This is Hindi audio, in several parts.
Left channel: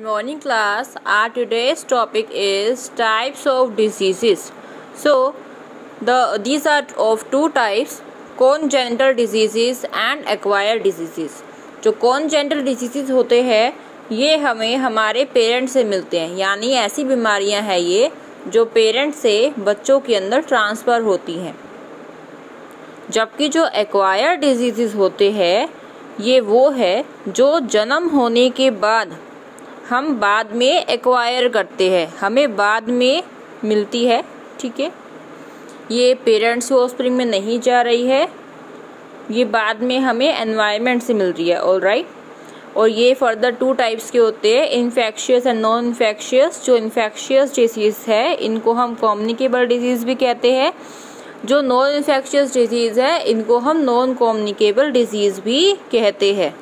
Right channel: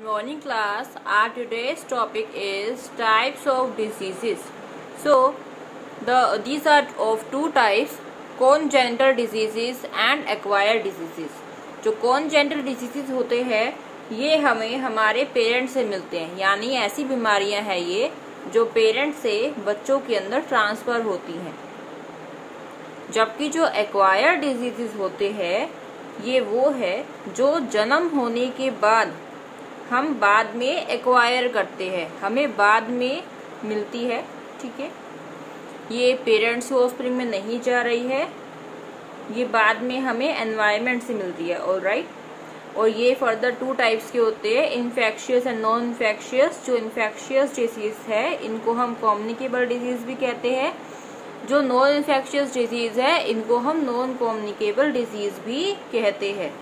Good morning class. Our today's topic is types of diseases. So these are of two types, congenital diseases and acquired diseases. जो congenital diseases होते हैं ये हमें हमारे पेरेंट्स से मिलते हैं, यानी ऐसी बीमारियां हैं ये जो पेरेंट्स से बच्चों के अंदर ट्रांसफर होती हैं। जबकि जो एक्वायर्ड डिजीजेस होते हैं ये वो है जो जन्म होने के बाद हम बाद में एक्वायर करते हैं, हमें बाद में मिलती है। ठीक है, ये पेरेंट्स के ऑफस्प्रिंग में नहीं जा रही है, ये बाद में हमें एनवायरनमेंट से मिल रही है। ऑलराइट, और ये फर्दर टू टाइप्स के होते हैं, इन्फेक्शियस एंड नॉन इन्फेक्शियस। जो इन्फेक्शियस डिजीज है इनको हम कम्युनिकेबल डिजीज भी कहते हैं, जो नॉन इन्फेक्शियस डिजीज है इनको हम नॉन कम्युनिकेबल डिजीज भी कहते हैं।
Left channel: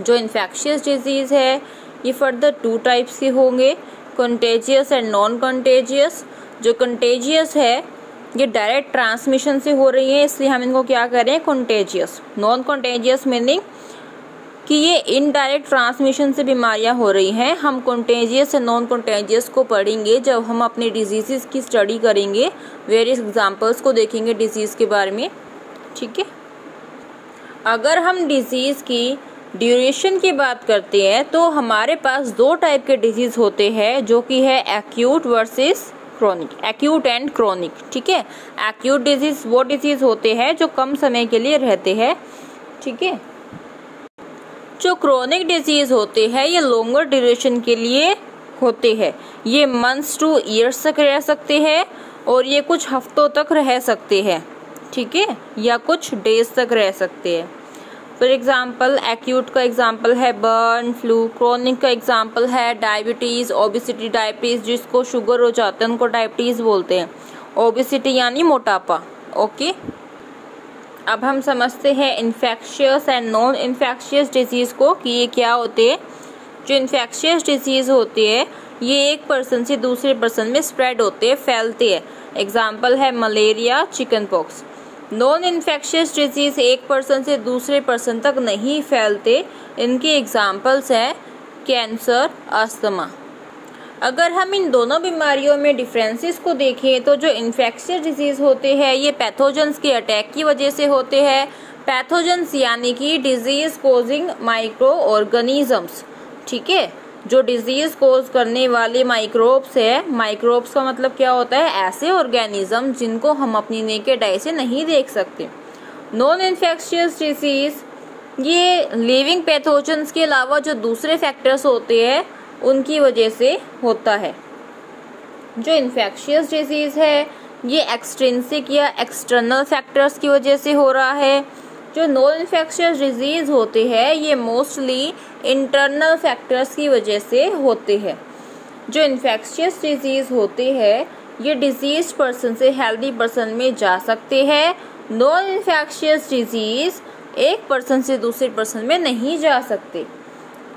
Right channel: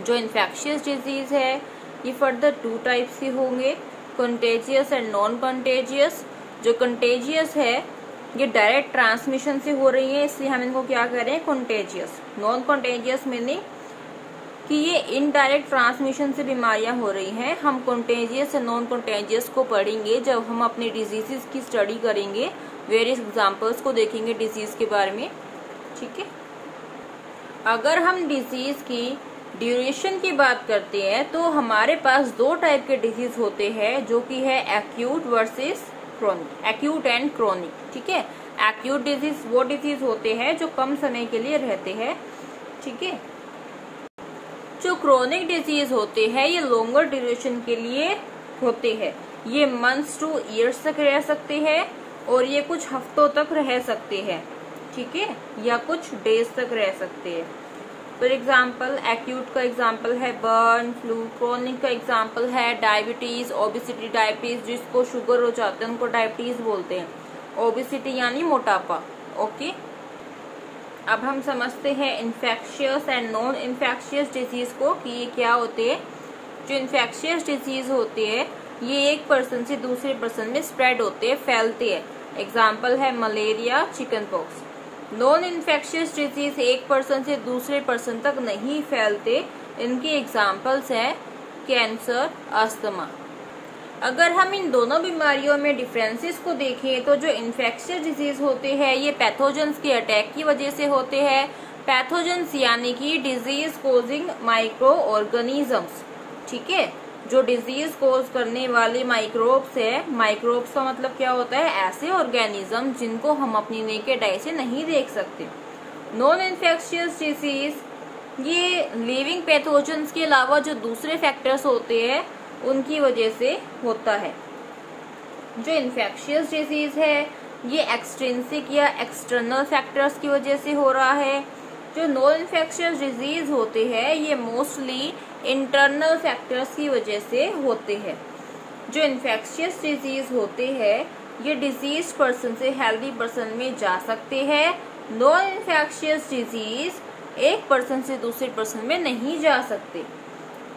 जो इन्फेक्शियस डिजीज है ये फर्दर टू टाइप्स के होंगे, कंटेजियस एंड नॉन कंटेजियस। जो कंटेजियस है ये डायरेक्ट ट्रांसमिशन से हो रही है, इसलिए हम इनको क्या करें, कंटेजियस। नॉन कंटेजियस मीनिंग कि ये इनडायरेक्ट ट्रांसमिशन से बीमारियां हो रही हैं। हम कंटेजियस और नॉन कंटेजियस को पढ़ेंगे जब हम अपने डिजीजेस की स्टडी करेंगे, वेरियस एग्जांपल्स को देखेंगे डिजीज के बारे में। ठीक है, अगर हम डिजीज की ड्यूरेशन की बात करते हैं तो हमारे पास दो टाइप के डिजीज होते हैं, जो कि है acute versus chronic, acute and chronic. ठीक है, एक्यूट डिजीज वो डिजीज होते हैं जो कम समय के लिए रहते हैं। ठीक है, जो क्रोनिक डिजीज होते हैं ये लॉन्गर ड्यूरेशन के लिए होते हैं, ये मंथ्स टू ईयर्स तक रह सकते हैं और ये कुछ हफ्तों तक रह सकते हैं। ठीक है, या कुछ डेज तक रह सकते हैं। फॉर एग्जाम्पल एक्यूट का एग्जाम्पल है बर्न फ्लू, क्रोनिक का एग्जाम्पल है डायबिटीज, ओबिसिटी। डायबिटीज जिसको शुगर हो जाता है उनको डायबिटीज बोलते हैं, ओबिसिटी यानी मोटापा। ओके, अब हम समझते हैं infectious and non infectious disease को कि ये क्या होते हैं। जो इन्फेक्शियस डिजीज होते हैं ये एक पर्सन से दूसरे पर्सन में स्प्रेड होते हैं, फैलते हैं। एग्जाम्पल है malaria, chicken pox. Non infectious disease एक पर्सन से दूसरे पर्सन तक नहीं फैलते, इनके एग्जाम्पल्स हैं कैंसर, अस्थमा। अगर हम इन दोनों बीमारियों में डिफरेंसेस को देखें तो जो इन्फेक्शियस डिजीज होते हैं ये पैथोजेंस के अटैक की वजह से होते हैं। पैथोजेंस यानी कि डिजीज कोजिंग माइक्रो ऑर्गेनिजम्स। ठीक है, जो डिजीज कोज करने वाले माइक्रोब्स है, माइक्रोब्स का मतलब क्या होता है, ऐसे ऑर्गेनिज्म जिनको हम अपनी नेकेड आई से नहीं देख सकते। नॉन इन्फेक्शियस डिजीज ये लिविंग पैथोजेंस के अलावा जो दूसरे फैक्टर्स होते हैं उनकी वजह से होता है। जो इन्फेक्शियस डिजीज है ये एक्सट्रिंसिक या एक्सटर्नल फैक्टर्स की वजह से हो रहा है। जो नॉन इन्फेक्शियस डिजीज होते हैं ये मोस्टली इंटरनल फैक्टर्स की वजह से होते हैं। जो इन्फेक्शियस डिजीज होते हैं ये डिजीज पर्सन से हेल्दी पर्सन में जा सकते हैं। नॉन इन्फेक्शियस डिजीज एक पर्सन से दूसरे पर्सन में नहीं जा सकते।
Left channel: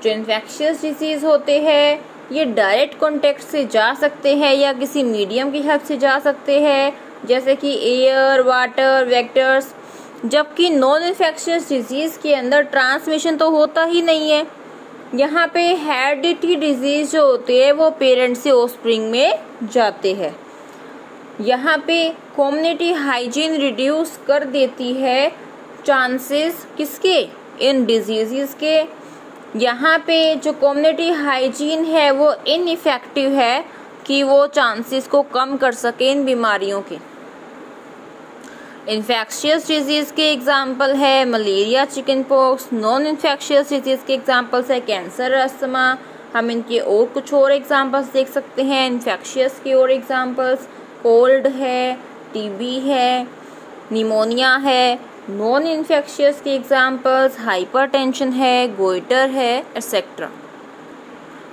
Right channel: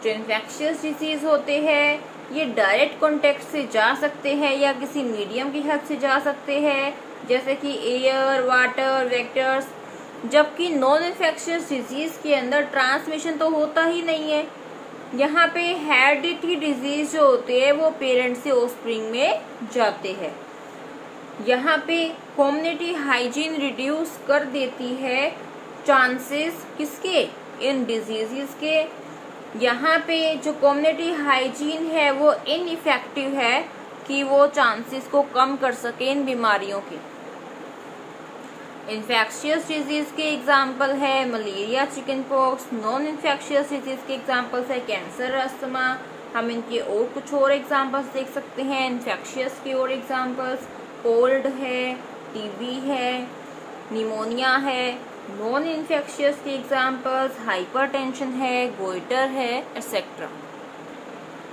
जो इन्फेक्शियस डिजीज होते हैं ये डायरेक्ट कॉन्टेक्ट से जा सकते हैं या किसी मीडियम की हेल्प से जा सकते हैं, जैसे कि एयर, वाटर, वेक्टर्स। जबकि नॉन इन्फेक्शियस डिजीज के अंदर ट्रांसमिशन तो होता ही नहीं है। यहाँ पे हेरिडिटी डिजीज जो होते हैं वो पेरेंट्स से ऑफस्प्रिंग में जाते हैं। यहाँ पे कम्युनिटी हाइजीन रिड्यूस कर देती है चांसेस किसके, इन डिजीजेस के। यहाँ पे जो कम्युनिटी हाइजीन है वो इनइफेक्टिव है कि वो चांसेस को कम कर सके इन बीमारियों के। इन्फेक्शियस डिजीज के एग्जाम्पल है malaria, chicken pox. Non infectious disease के एग्जाम्पल्स है कैंसर, अस्थमा। हम इनके और कुछ और एग्जाम्पल्स देख सकते हैं इन्फेक्शियस के और एग्जाम्पल्स, कोल्ड है, टीबी है, निमोनिया है। नॉन इन्फेक्शियस के एग्जाम्पल्स हाइपरटेंशन है, गोइटर है, एक्सेट्रा।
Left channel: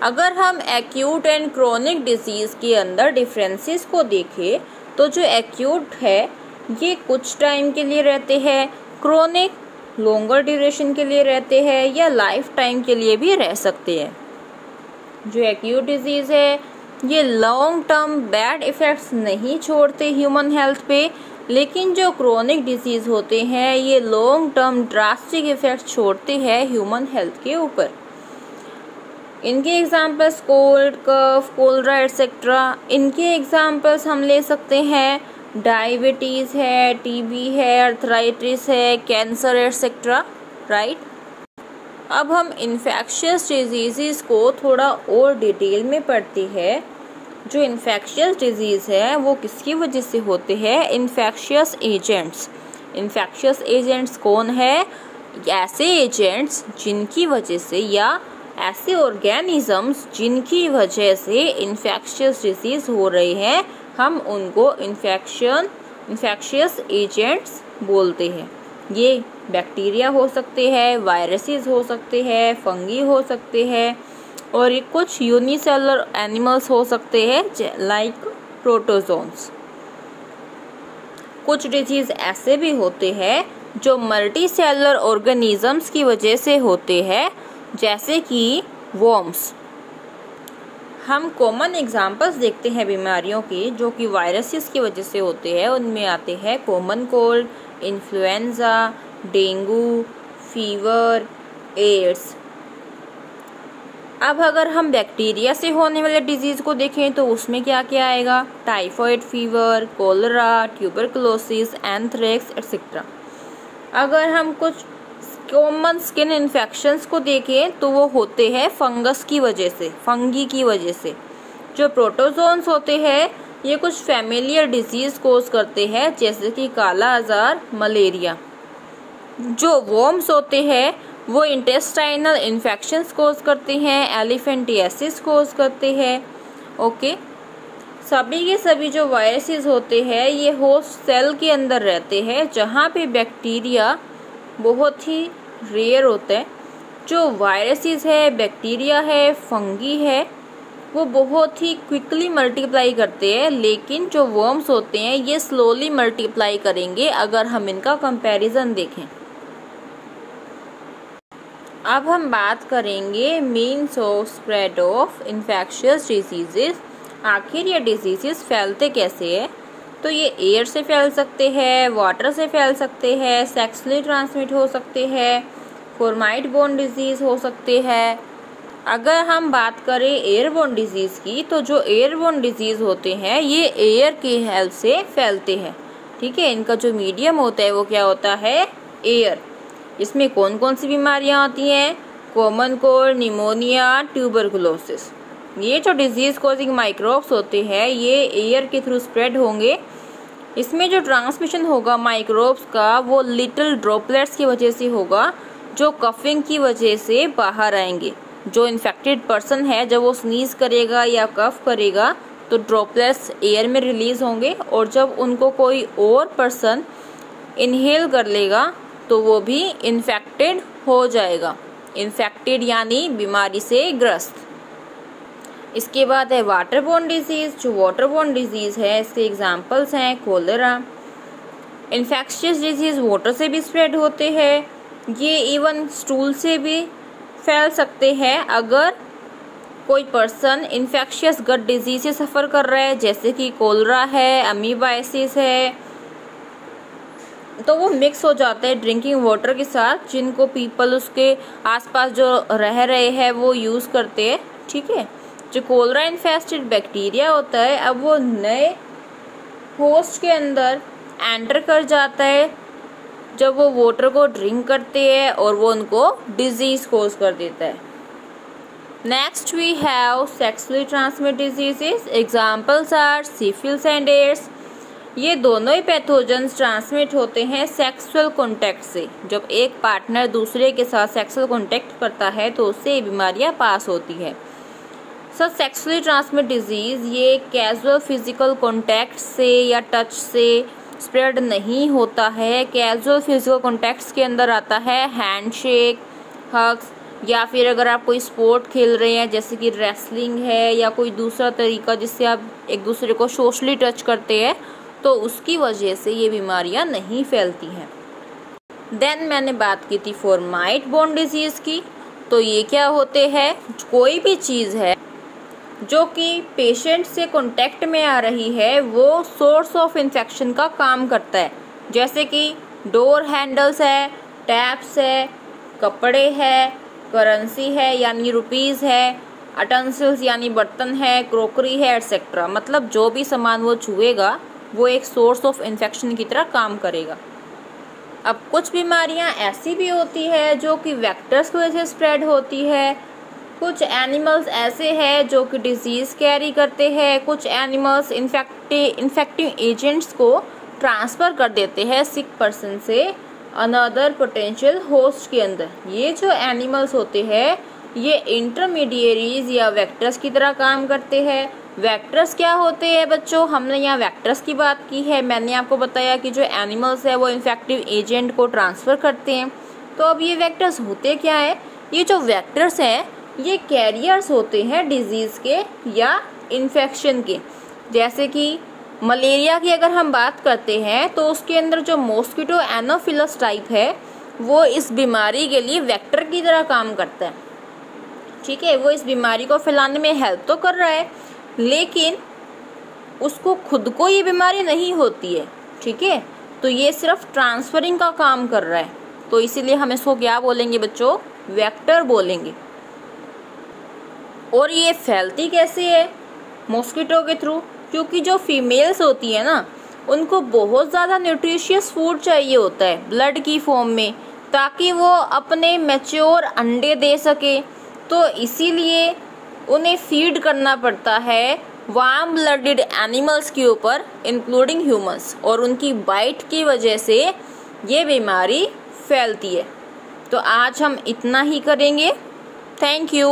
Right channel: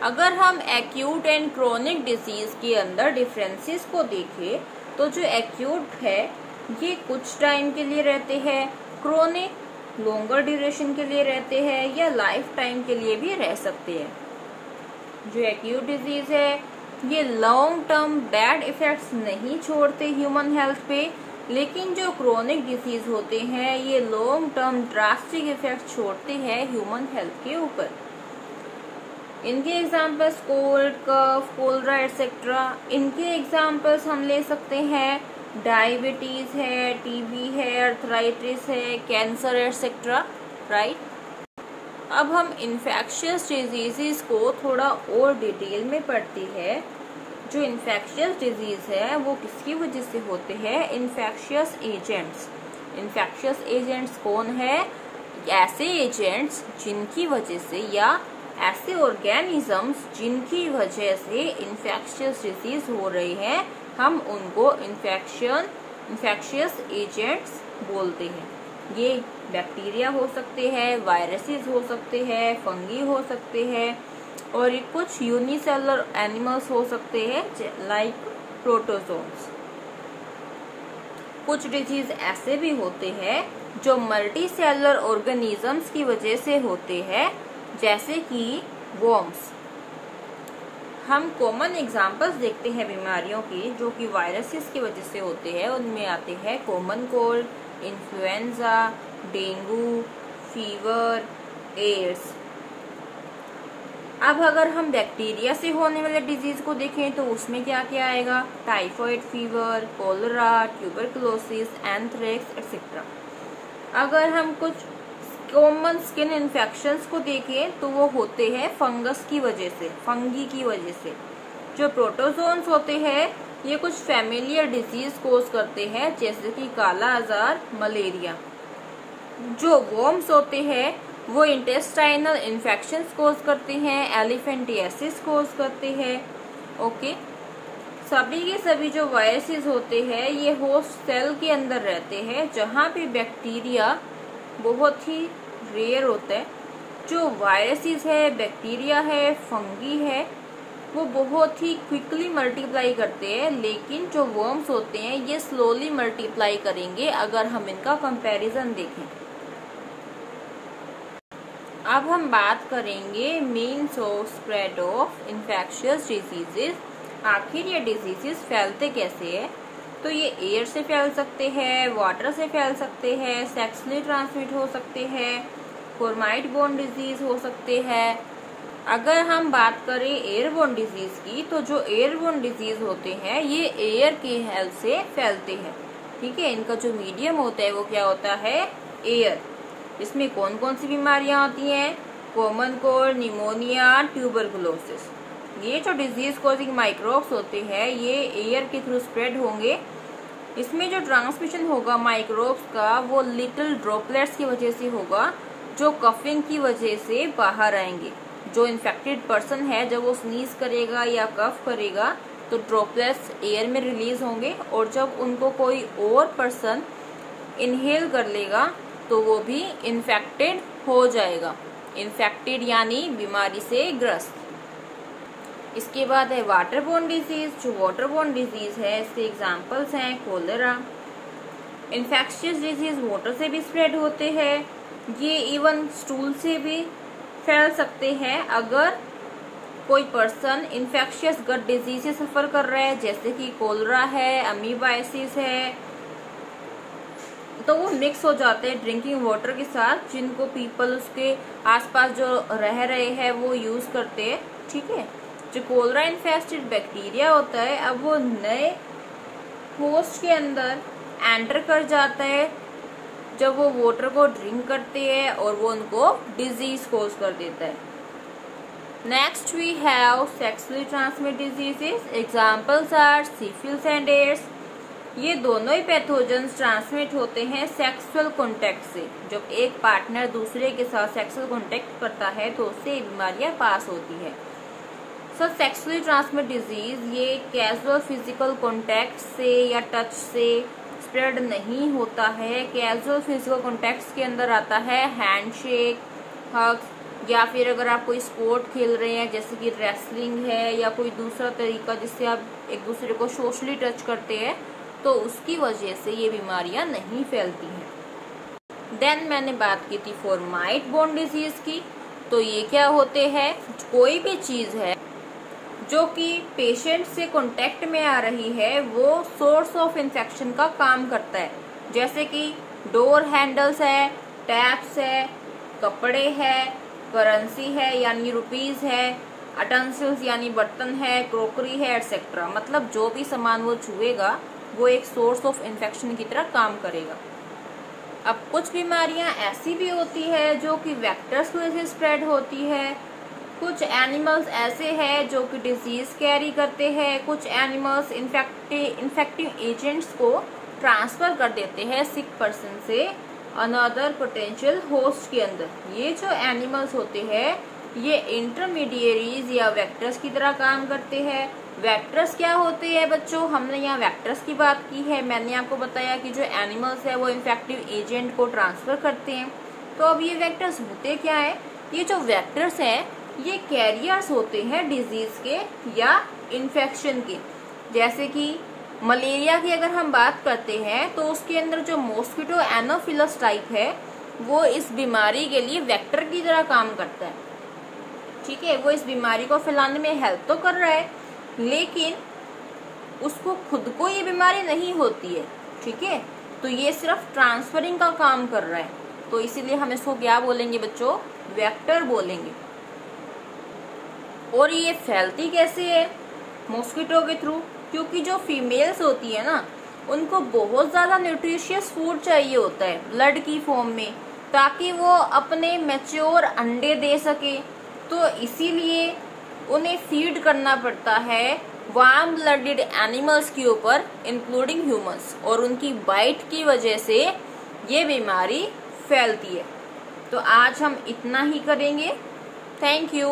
अगर हम एक्यूट एंड क्रोनिक डिजीज के अंदर डिफरेंसेस को देखें तो जो एक्यूट है ये कुछ टाइम के लिए रहते हैं, क्रोनिक लॉन्गर ड्यूरेशन के लिए रहते हैं या लाइफ टाइम के लिए भी रह सकते हैं। जो एक्यूट डिजीज है ये लॉन्ग टर्म बैड इफेक्ट्स नहीं छोड़ते ह्यूमन हेल्थ पे, लेकिन जो क्रोनिक डिजीज होते हैं ये लॉन्ग टर्म ड्रास्टिक इफेक्ट छोड़ते हैं ह्यूमन हेल्थ के ऊपर। इनके एग्जाम्पल्स कोल्ड, कफ, कोलरा एटसेट्रा। इनके एग्जाम्पल्स हम ले सकते हैं डायबिटीज़ है, टीबी है, अर्थराइटिस है, कैंसर एटसेट्रा, राइट। अब हम इन्फेक्शियस डिजीज़ को थोड़ा और डिटेल में पढ़ते हैं। जो इन्फेक्शियस डिजीज़ है वो किसकी वजह से होते हैं? Infectious agents. इन्फेक्शियस एजेंट्स कौन है? ऐसे एजेंट्स जिनकी वजह से या ऐसे ऑर्गेनिजम्स जिनकी वजह से इन्फेक्शियस डिजीज हो रहे हैं, हम उनको इन्फेक्शियस एजेंट्स बोलते हैं। ये बैक्टीरिया हो सकते हैं, वायरसेस हो सकते हैं, फंगी हो सकते हैं, और ये कुछ यूनिसेलुलर एनिमल्स हो सकते हैं लाइक प्रोटोजोन्स। कुछ डिजीज ऐसे भी होते हैं जो मल्टी सेलुलर ऑर्गेनिजम्स की वजह से होते हैं, जैसे कि वर्म्स। हम कॉमन एग्जांपल्स देखते हैं बीमारियों की जो कि वायरसेस की वजह से होते हैं। उनमें आते हैं common cold, influenza, dengue, fever, AIDS. अब अगर हम बैक्टीरिया से होने वाले डिजीज को देखें तो उसमें क्या क्या आएगा? Typhoid fever, cholera, tuberculosis, anthrax etcetera. अगर हम कुछ कॉमन स्किन इन्फेक्शंस को देखें तो वो होते हैं फंगस की वजह से, फंगी की वजह से। जो प्रोटोजोन्स होते हैं ये कुछ फैमिलियर डिजीज कोज करते हैं, जैसे कि काला आजार, मलेरिया। जो वर्म्स होते हैं वो इंटेस्टाइनल इन्फेक्शंस कोज करते हैं, एलिफेंटियासिस कोज करते हैं। ओके, सभी के सभी जो वायरसेस होते हैं ये होस्ट सेल के अंदर रहते हैं, जहाँ पे बैक्टीरिया बहुत ही रेयर होता है। जो वायरसेस है, बैक्टीरिया है, फंगी है, वो बहुत ही क्विकली मल्टीप्लाई करते हैं, लेकिन जो वर्म्स होते हैं ये स्लोली मल्टीप्लाई करेंगे अगर हम इनका कंपैरिजन देखें। अब हम बात करेंगे means of spread of infectious diseases. आखिर ये डिजीजेस फैलते कैसे हैं? तो ये एयर से फैल सकते हैं, वाटर से फैल सकते हैं, सेक्सुअली ट्रांसमिट हो सकते हैं, फोर्माइट बोन डिजीज हो सकते हैं। अगर हम बात करें एयरबोर्न डिजीज की, तो जो एयरबोर्न डिजीज होते हैं ये एयर की हेल्प से फैलते हैं। ठीक है, इनका जो मीडियम होता है वो क्या होता है? एयर। इसमें कौन कौन सी बीमारियां आती हैं? Common cold, pneumonia, tuberculosis. ये जो डिजीज कॉजिंग माइक्रोब्स होते हैं ये एयर के थ्रू स्प्रेड होंगे। इसमें जो ट्रांसमिशन होगा माइक्रोब्स का वो लिटिल ड्रॉपलेट्स की वजह से होगा, जो कफिंग की वजह से बाहर आएंगे। जो इन्फेक्टेड पर्सन है जब वो स्नीज करेगा या कफ करेगा तो ड्रॉपलेट्स एयर में रिलीज होंगे, और जब उनको कोई और पर्सन इनहेल कर लेगा तो वो भी इन्फेक्टेड हो जाएगा। इन्फेक्टेड यानी बीमारी से ग्रस्त। इसके बाद है वाटरबोर्न डिजीज। जो वाटरबोर्न डिजीज है इसके एग्जांपल्स हैं कोलेरा। इन्फेक्शियस डिजीज वाटर से भी स्प्रेड होते हैं, ये इवन स्टूल से भी फैल सकते हैं। अगर कोई पर्सन इन्फेक्शियस गट डिजीज से सफर कर रहा है, जैसे कि कोलरा है, अमीबाइसिस है, तो वो मिक्स हो जाते हैं ड्रिंकिंग वाटर के साथ, जिनको पीपल उसके आसपास जो रह रहे हैं वो यूज करते हैं। ठीक है, जो कोलरा इन्फेस्टेड बैक्टीरिया होता है अब वो नए होस्ट के अंदर एंटर कर जाता है जब वो वाटर को ड्रिंक करते हैं, और वो उनको डिजीज कोज कर देता है। Next we have sexually transmitted diseases. Examples are syphilis and AIDS. ये दोनों ही पैथोजेंस ट्रांसमिट होते हैं सेक्सुअल कॉन्टैक्ट से। जब एक पार्टनर दूसरे के साथ सेक्सुअल कॉन्टैक्ट करता है तो उससे बीमारियां पास होती है। सो सेक्सुअली ट्रांसमिटेड डिजीज ये कैजुअल फिजिकल कॉन्टैक्ट से या टच से स्प्रेड नहीं होता है। कैजुअल फिजिकल कॉन्टैक्ट्स के अंदर आता है हैंडशेक, हग्स, या फिर अगर आप कोई स्पोर्ट खेल रहे हैं जैसे कि रेसलिंग है या कोई दूसरा तरीका जिससे आप एक दूसरे को सोशली टच करते हैं, तो उसकी वजह से ये बीमारियां नहीं फैलती हैं। देन मैंने बात की थी फोर्माइट बोन डिजीज की। तो ये क्या होते हैं? कोई भी चीज है जो कि पेशेंट से कांटेक्ट में आ रही है वो सोर्स ऑफ इन्फेक्शन का काम करता है, जैसे कि डोर हैंडल्स है, टैप्स है, कपड़े है, करेंसी है यानी रुपीस है, अटेंसिल्स यानी बर्तन है, क्रोकरी है, एटसेट्रा, मतलब जो भी सामान वो छुएगा वो एक सोर्स ऑफ इन्फेक्शन की तरह काम करेगा। अब कुछ बीमारियां ऐसी भी होती है जो कि वेक्टर्स की वजह से स्प्रेड होती है, कुछ एनिमल्स ऐसे हैं जो कि डिजीज कैरी करते हैं, कुछ एनिमल्स इन्फेक्टिव एजेंट्स को ट्रांसफर कर देते हैं सिक पर्सन से अनदर पोटेंशियल होस्ट के अंदर। ये जो एनिमल्स होते हैं ये इंटरमीडिएरीज या वेक्टर्स की तरह काम करते हैं। वेक्टर्स क्या होते हैं बच्चों, हमने यहाँ वेक्टर्स की बात की है। मैंने आपको बताया कि जो एनिमल्स है वो इन्फेक्टिव एजेंट को ट्रांसफर करते हैं। तो अब ये वेक्टर्स होते क्या है, ये जो वेक्टर्स हैं ये कैरियर्स होते हैं डिजीज के या इन्फेक्शन के। जैसे कि मलेरिया की अगर हम बात करते हैं तो उसके अंदर जो मॉस्किटो एनोफिलस टाइप है वो इस बीमारी के लिए वेक्टर की तरह काम करता है। ठीक है, वो इस बीमारी को फैलाने में हेल्प तो कर रहा है लेकिन उसको खुद को ये बीमारी नहीं होती है। ठीक है, तो ये सिर्फ ट्रांसफरिंग का काम कर रहा है, तो इसीलिए हम इसको क्या बोलेंगे बच्चों, वेक्टर बोलेंगे। और ये फैलती कैसे है, मॉस्किटो के थ्रू, क्योंकि जो फीमेल्स होती है ना उनको बहुत ज़्यादा न्यूट्रिशियस फूड चाहिए होता है ब्लड की फॉर्म में, ताकि वो अपने मैच्योर अंडे दे सके। तो इसीलिए उन्हें फीड करना पड़ता है वार्म ब्लडेड एनिमल्स के ऊपर इंक्लूडिंग ह्यूमंस, और उनकी बाइट की वजह से ये बीमारी फैलती है। तो आज हम इतना ही करेंगे। Thank you.